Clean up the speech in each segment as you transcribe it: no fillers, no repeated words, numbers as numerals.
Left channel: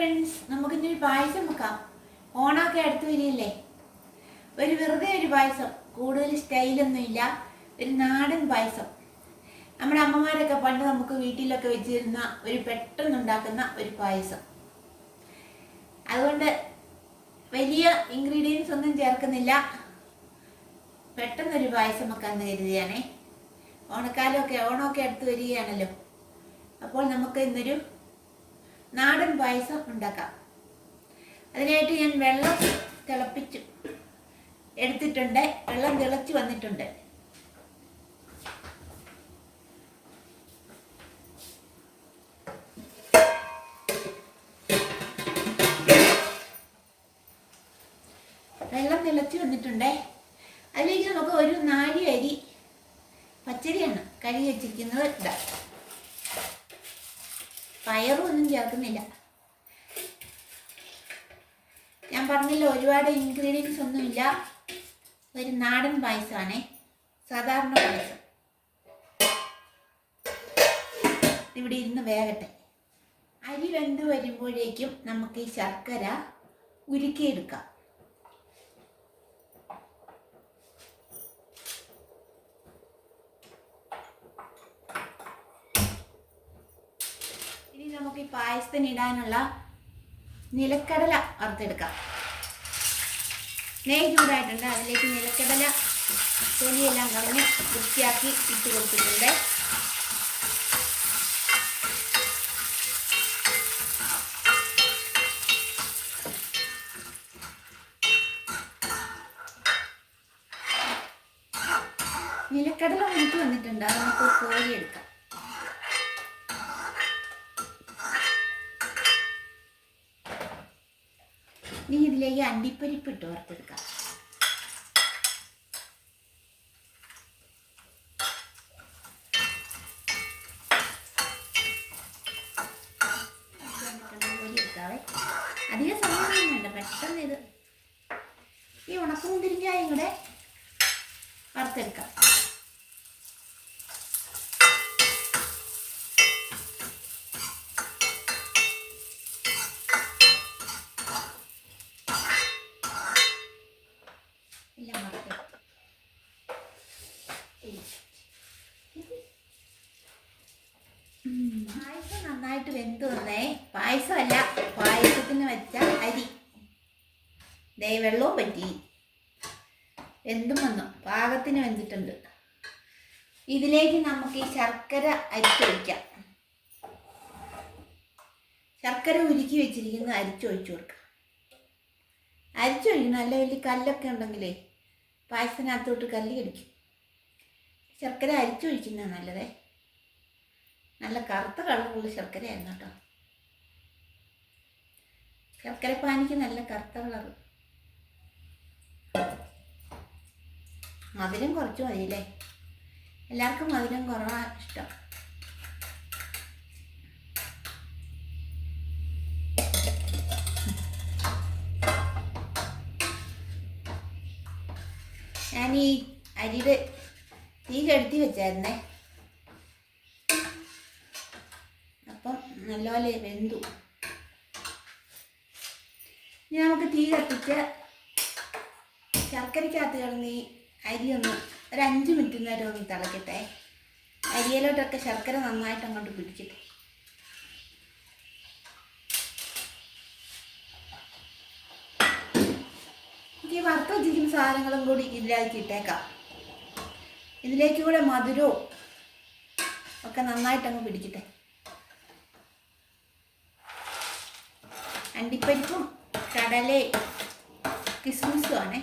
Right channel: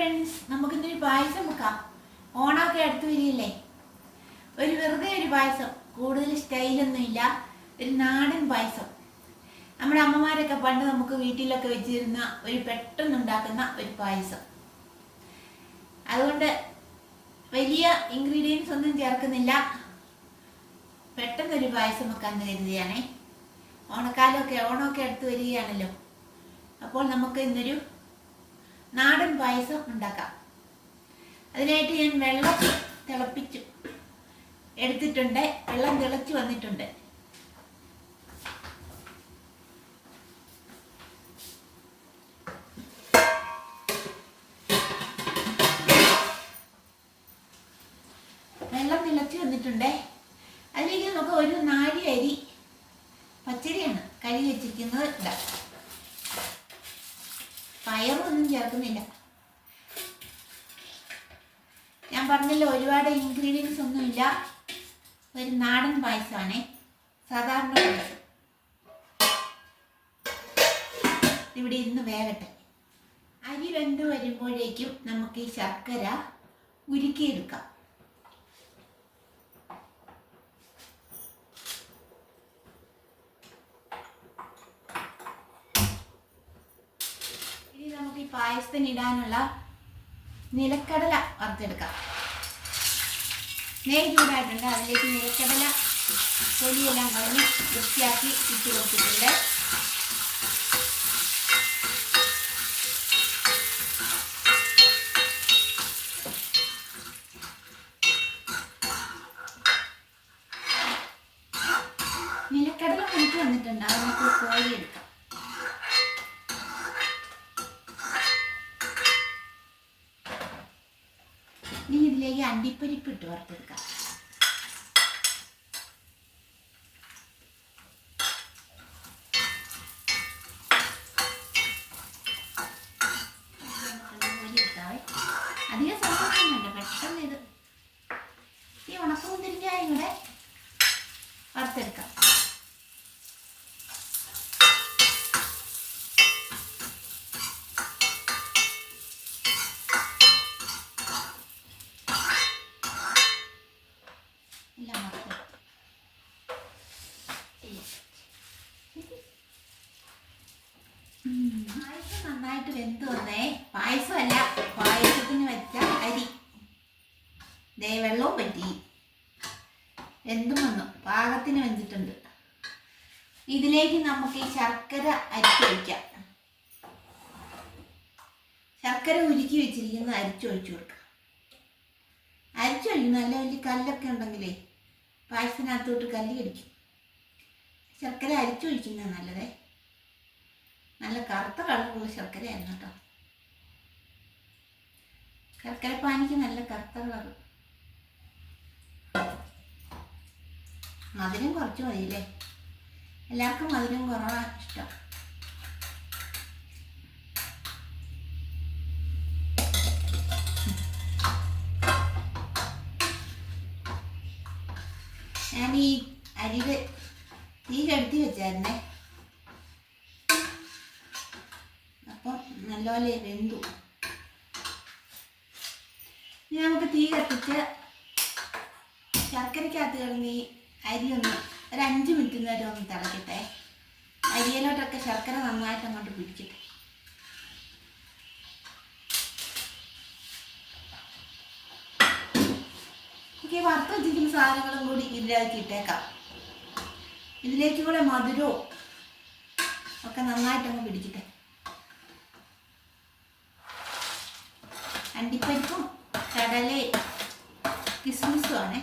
Friends, നമുക്കിന്നൊരു പായസം വെക്കാം. ഓണമൊക്കെ അടുത്ത് വരികയല്ലേ. വെറുതെ ഒരു പായസം, കൂടുതൽ സ്റ്റൈലൊന്നും ഇല്ല, ഒരു നാടൻ പായസം. നമ്മുടെ അമ്മമാരൊക്കെ പണ്ട് നമുക്ക് വീട്ടിലൊക്കെ വെച്ചിരുന്ന ഒരു പെട്ടെന്നുണ്ടാക്കുന്ന ഒരു പായസം. അതുകൊണ്ട് വലിയ ഇൻഗ്രീഡിയൻസ് ഒന്നും ചേർക്കുന്നില്ല, പെട്ടെന്നൊരു പായസം വെക്കാമെന്ന് കരുതിയാണേ. ഓണമൊക്കെ അടുത്ത് വരികയാണല്ലോ. അപ്പോൾ നമുക്ക് ഇന്നൊരു നാടൻ പായസം ഉണ്ടാക്കാം. അതിനായിട്ട് ഞാൻ വെള്ളം തിളപ്പിച്ചു എടുത്തിട്ടുണ്ട്. വെള്ളം തിളച്ച് വന്നിട്ടുണ്ട്. അതിലേക്ക് നമുക്ക് ഒരു 4 അരി പച്ചരിയാണ് കഴുകി വെച്ചിരിക്കുന്നത് ഇടാം. പയറൊന്നും ചേർക്കുന്നില്ല. ഞാൻ പറഞ്ഞില്ല, ഒരുപാട് ഇൻഗ്രീഡിയൻസ് ഒന്നുമില്ല, ഒരു നാടൻ പായസമാണ്, സാധാരണ പായസം. ഇവിടെ ഇരുന്ന് വേകട്ടെ. അരി വെന്ത് വരുമ്പോഴേക്കും നമുക്ക് ഈ ശർക്കര ഉരുക്കിയെടുക്കാം. നമുക്ക് ഈ പായസത്തിന് ഇടാനുള്ള നിലക്കടല വറുത്തെടുക്കാം. നെയ്യ് ചൂടായിട്ടുണ്ട്. അതിലേക്ക് നിലക്കടല തൊലിയെല്ലാം കളഞ്ഞ് വൃത്തിയാക്കി ഇട്ട് കൊടുത്തിട്ടുണ്ട്. നിലക്കടല വറുത്ത് വന്നിട്ടുണ്ട്. അത് നമുക്ക് കോരിയെടുക്കാം. ഇനി ഇതിലേക്ക് അണ്ടിപ്പരിപ്പ് ഇട്ട് വറുത്തെടുക്കാം. അധികം സമയം വേണ്ട, പെട്ടെന്ന് ഇത് ഈ ഉണക്കമുന്തിരിങ്ങയും കൂടെ വറുത്തെടുക്കാം. പായസം നന്നായിട്ട് വെന്ത് വന്നേ. പായസമല്ല, പായസത്തിന് വെച്ച അരി വെള്ളവും പറ്റി വെന്തും വന്നു, പാകത്തിന് വെന്തിട്ടുണ്ട്. ഇതിലേക്ക് നമുക്ക് ഈ ശർക്കര അരിച്ചൊഴിക്കാം. ശർക്കര ഉരുക്കി വെച്ചിരിക്കുന്നത് അരിച്ചൊഴിച്ചു കൊടുക്കാം. അരിച്ചൊഴിക്കുന്ന നല്ല വലിയ കല്ലൊക്കെ ഉണ്ടെങ്കിലേ പായസത്തിനകത്തോട്ട് കല്ല് കടിക്കും. ശർക്കര അരിച്ചൊഴിക്കുന്നത് നല്ലതേ. നല്ല കറുത്ത കളറുള്ള ശർക്കരയായിരുന്നു കേട്ടോ. ശർക്കര പാനിക്ക് നല്ല കറുത്ത കളറ്. മധുരം കുറച്ച് മതിയല്ലേ, എല്ലാവർക്കും മധുരം കുറവാണ് ഇഷ്ടം. ഞാൻ ഈ അരിയുടെ തീ കെടുത്തി വെച്ചായിരുന്നേ, അപ്പം നല്ലപോലെ വെന്തു. ഇനി നമുക്ക് തീ കത്തിച്ച് ശർക്കരയ്ക്കകത്ത് കിടന്ന് ഈ അരി ഒന്ന് ഒരു 5 മിനിറ്റ് നേരം ഒന്ന് തിളക്കട്ടെ. അരിയിലോട്ടൊക്കെ ശർക്കര നന്നായിട്ട് അങ്ങോട്ട് പിടിക്കട്ടെ. എനിക്ക് വറുത്ത് വെച്ചിരിക്കുന്ന സാധനങ്ങളും കൂടി ഇതിലേക്ക് ഇട്ടേക്കാം. ഇതിലേക്ക് കൂടെ മധുരവും ഒക്കെ നന്നായിട്ടങ്ങ് പിടിക്കട്ടെ. അണ്ടിപ്പരിപ്പും കടലയും കിസ്മിസും ആണേ.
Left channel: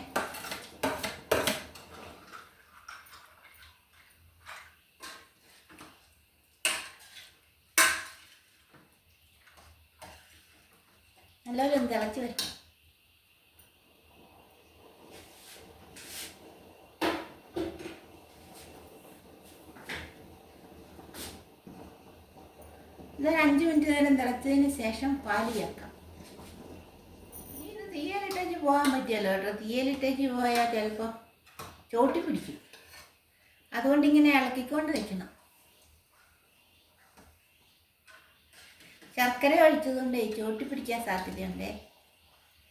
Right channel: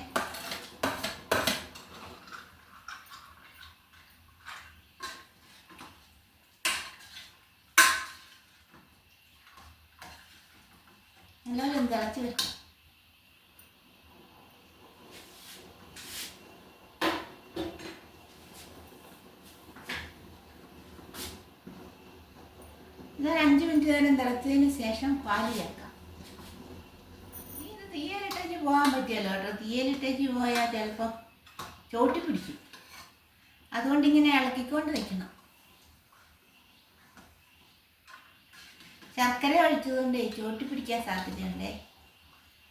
നല്ലപോലെ തിളച്ച് വരും. ഇതൊരു 5 മിനിറ്റ് നേരം തിളച്ചതിന് ശേഷം പാല് ചേർക്കാം. ഇത് തീയലിട്ടേച്ച് പോകാൻ പറ്റിയല്ലോ കേട്ടോ. തീയലിട്ടേച്ച് പോയാൽ ചിലപ്പോൾ ചോട്ടി പിടിക്കും. അതുകൊണ്ടിങ്ങനെ ഇളക്കിക്കൊണ്ട് വെക്കണം. ശർക്കര ഒഴിച്ചതുകൊണ്ട് ചോട്ടി പിടിക്കാൻ സാധ്യതയുണ്ടേ.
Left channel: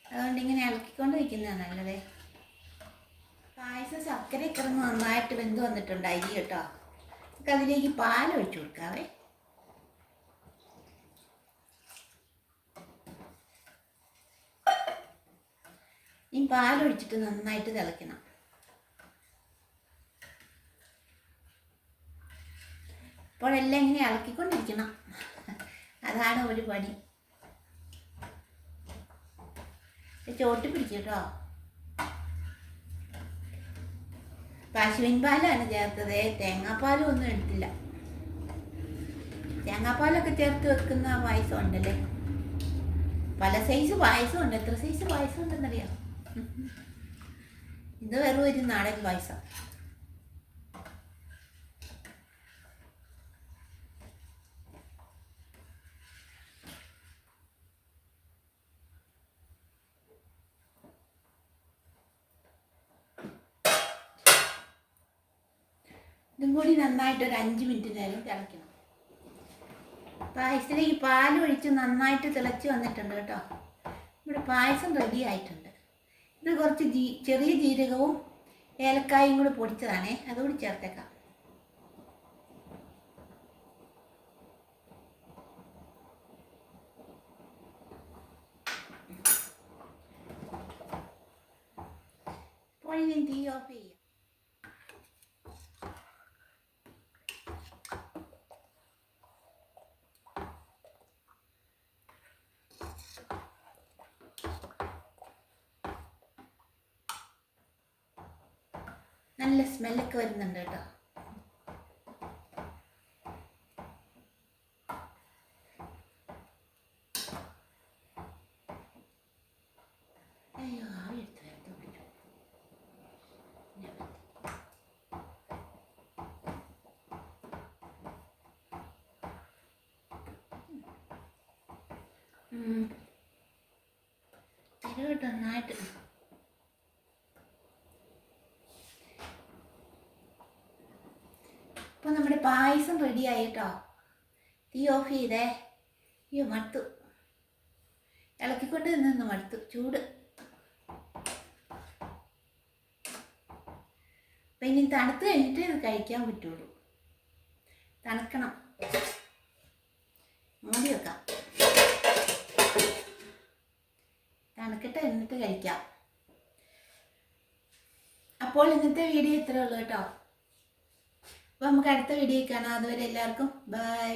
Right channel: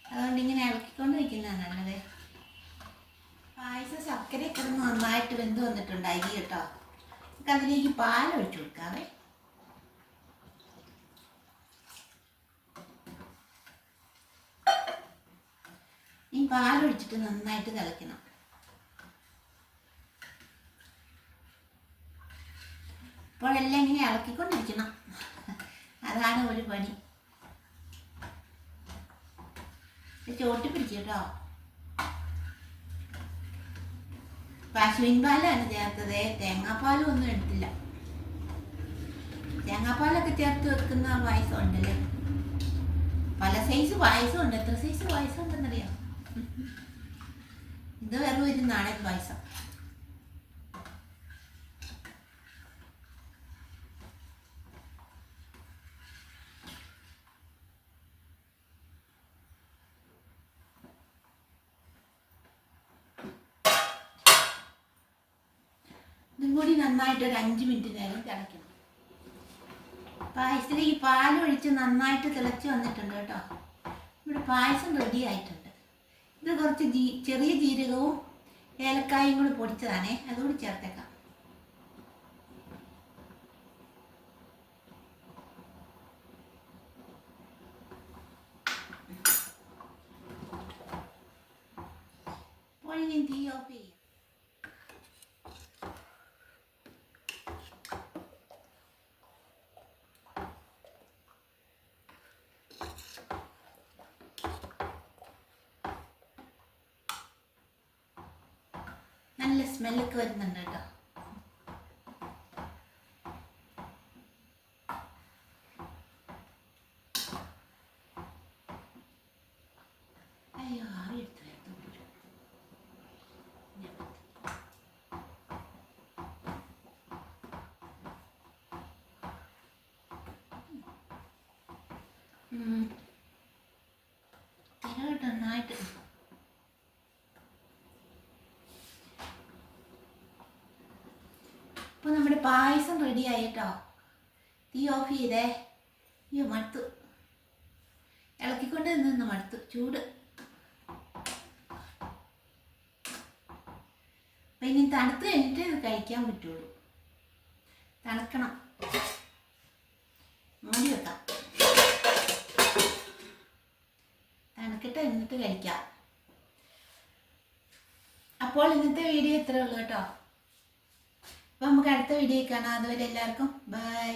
അതുകൊണ്ട് ഇങ്ങനെ ഇളക്കിക്കൊണ്ട് വയ്ക്കുന്നതാണ് നല്ലത്. പായസം ശർക്കരയൊക്കെ നന്നായിട്ട് വെന്ത് വന്നിട്ടുണ്ട് അരി കേട്ടോ. നമുക്ക് അതിലേക്ക് പാൽ ഒഴിച്ചു കൊടുക്കാവേ. ഈ പാലൊഴിച്ചിട്ട് നന്നായിട്ട് തിളയ്ക്കണം. അപ്പോഴെല്ലാം ഇങ്ങനെ ഇളക്കിക്കൊണ്ടിരിക്കണം, അതാണ് ഒരു പണി. ചോട്ടി പിടിച്ചു കേട്ടോ. പശുവിൻ പാലാണ് ചേർത്തത്, തേങ്ങാപ്പാലും ഒന്നും എടുത്തില്ല. തേങ്ങാപ്പാലൊക്കെ ചേർത്ത് വെക്കുന്ന പായസം ഉണ്ടല്ലേ, പല സൈസ് പായസം ഉണ്ട്. എത്ര സൈസ് പായസം ഉണ്ടെന്നറിയാം. ഇത് വെറും ഒരു നാടൻ പായസം. ഇതും കൂടി നന്നായിട്ട് ഒരു 5 മിനിറ്റ് നേരം തിളയ്ക്കണം. പായസത്തിലേക്ക് പാലൊഴിച്ച് നന്നായിട്ട് തിളച്ച് വന്നിട്ടുണ്ട് കേട്ടോ. ഇവിടെ പായസം റെഡി ആയിട്ടുണ്ട്. ഇത് കുറച്ച് ചെറിയ ജീരകവും ഏലക്കായും കൂടി പൊടിച്ചതാണേ, അതുകൂടി ചേർത്തേക്കാം. ഇപ്പോൾ ഇനി തീ ഓഫ് ചെയ്യാം. നല്ല സ്മെല്ലൊക്കെ വരുന്നുണ്ട് കേട്ടോ. അയ്യോ, ആവി എടുത്ത് പിടിച്ചു. തരുവട്ടോ നന്നായിട്ട്. അപ്പോൾ നമ്മുടെ പായസം റെഡിയായി കേട്ടോ. തീ ഓഫ് ചെയ്തേ. അയ്യോ മടുത്തു, ഇളക്കിക്കൊണ്ട് നിന്ന് മടുത്തു, ചൂട്. അപ്പം ഇനി തണുത്ത് കഴിഞ്ഞിട്ട് ഇത് കഴിക്കാൻ പറ്റുള്ളൂ. തണുക്കണം, മൂടി വെക്കാം. തണുക്കട്ടെ, എന്നിട്ട് കഴിക്കാം. അപ്പോൾ ഇന്നത്തെ വീഡിയോ ഇത്രേ ഉള്ളൂ കേട്ടോ. അപ്പോൾ നമുക്ക് അടുത്ത വീഡിയോ കാണാം. അതുവരെ എല്ലാവർക്കും ബൈ.